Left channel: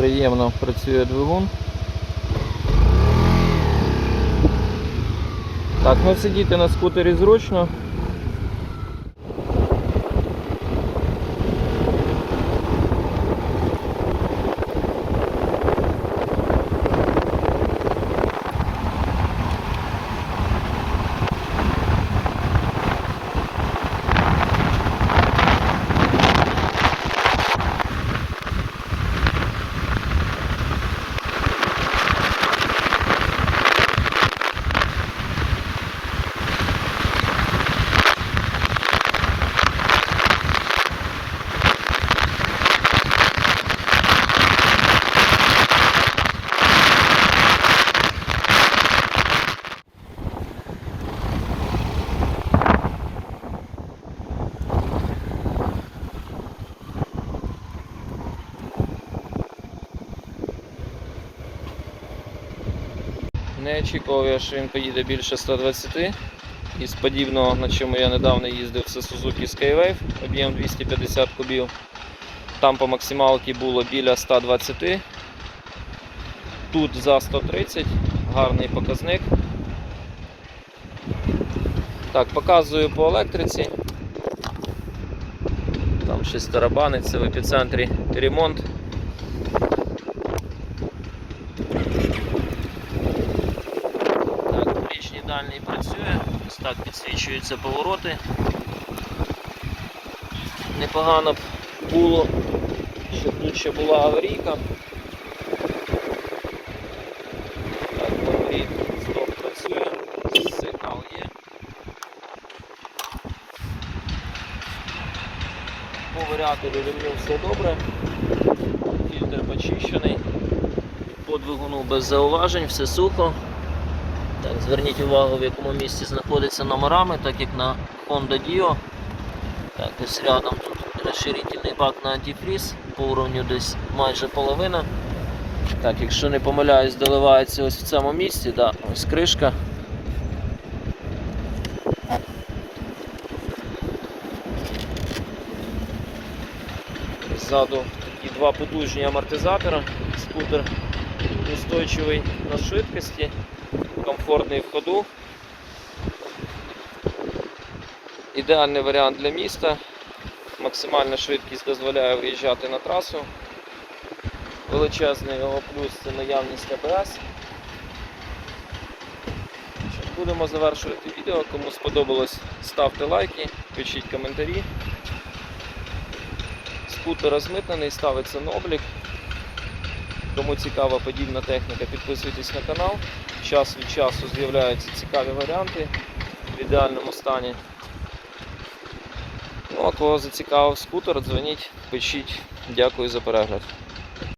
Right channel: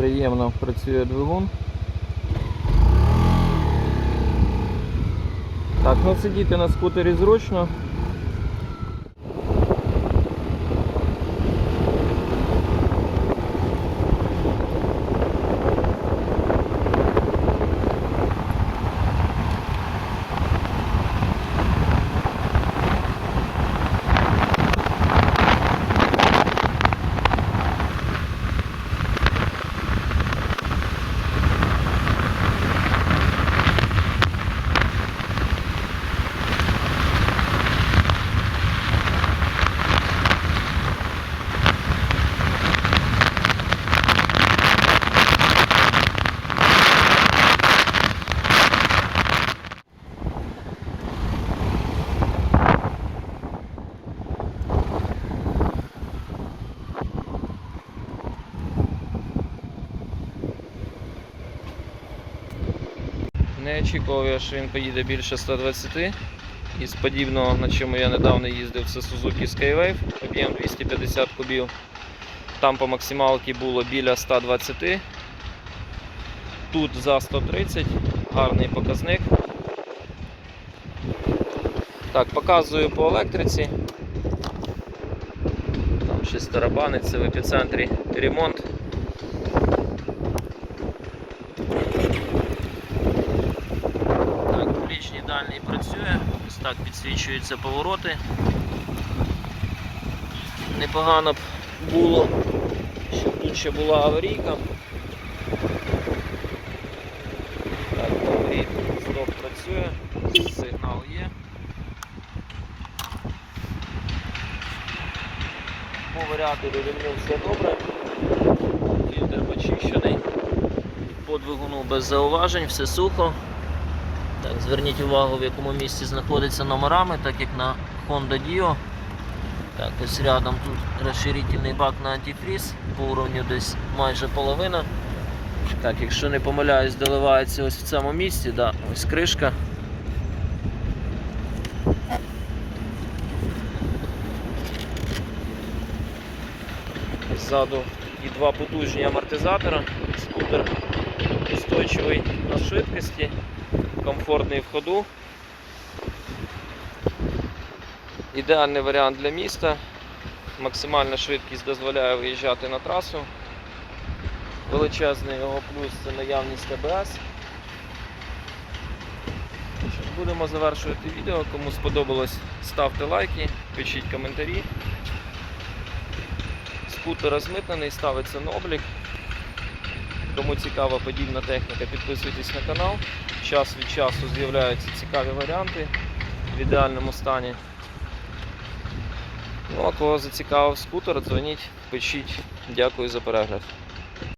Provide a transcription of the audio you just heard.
Приємно працює двигун. Так, ну сидіти на скутері зручно. Не очікував що він поїде більше 120. Із подібного, на чому я недавно їздив, це Suzuki Skywave, об'єм 250 кубів. Там по максималці було біля 120. Тут за 130, гарний показник. Так, показую по електриці. Там щось тарабаниться в епіцентрі ремонт. Так, працює, ось так підсвічуються повороти. Непогано б було, щоб тут ще була аварійка. Так, є. По варіату довільно все добре. Фільтр почищений. По двигуну без зауважень, все сухо. Так, зверніть увагу, в якому місці знаходиться номерами, так як на Honda Dio. Так, ось рядом тут розширительний бак на антифріз, по уровню десь майже половина. Так, якщо не помиляюсь, доливається ось в цьому місці, да, ось кришка. Ззаду такі два потужні амортизатора, скутер устойчивий на швидкості комфортний в ходу. Ідеальний варіант для міста. Максимальна швидкість дозволяє виїжджати на трасу. Величезний його плюс це наявність АБС. Будемо завершувати відео. Кому сподобалось, ставте лайки, пишіть коментарі. Скутер розмитнений, ставиться на облік. Кому цікава подібна техніка, підписуйтесь на канал. Час від часу з'являються цікаві варіанти в ідеальному стані. Ну, а кого зацікавив скутер, дзвоніть, пишіть. Дякую за перегляд.